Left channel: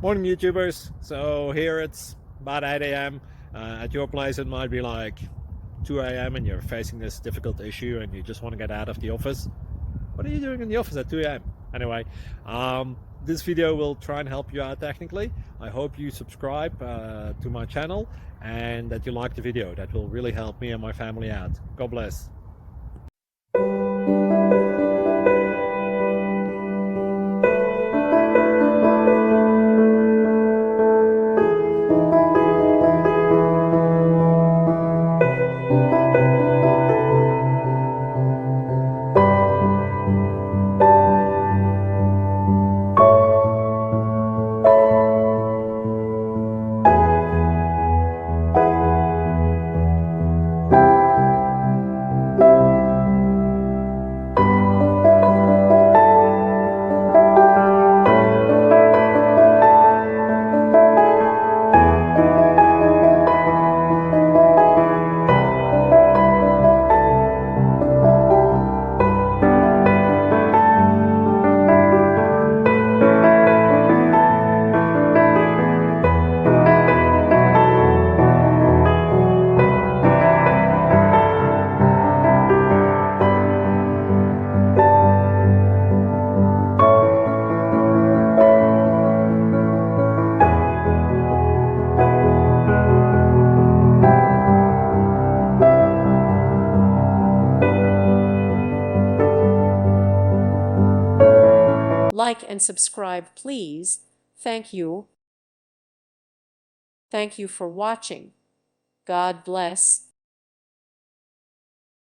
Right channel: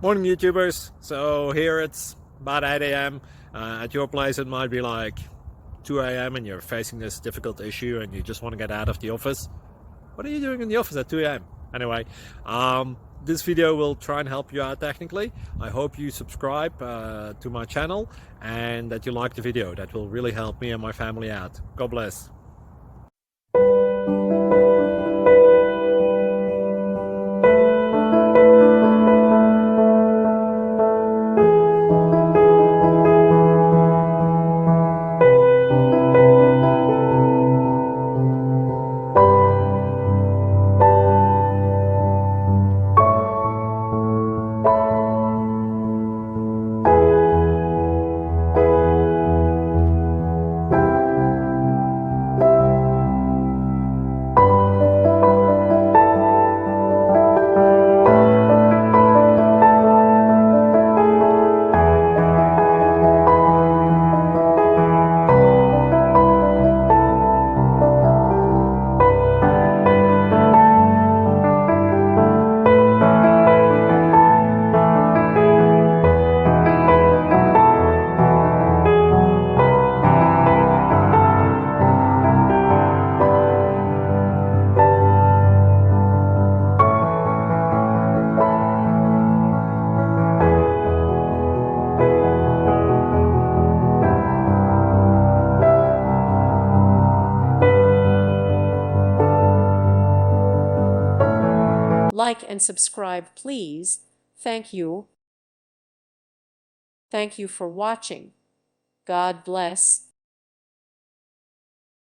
Morning, YouTubers. So here it's about 8 a.m. At your place, it might be like 2 a.m. and you're facing this difficult issue and you just want to get out of the office. What are you doing in the office at 2 a.m.? Anyway, this video will try and help you out technically. I hope you subscribe to my channel and that you like the video. That will really help me and my family out. God bless. Like and subscribe, please. Thank you. Thank you for watching. God bless.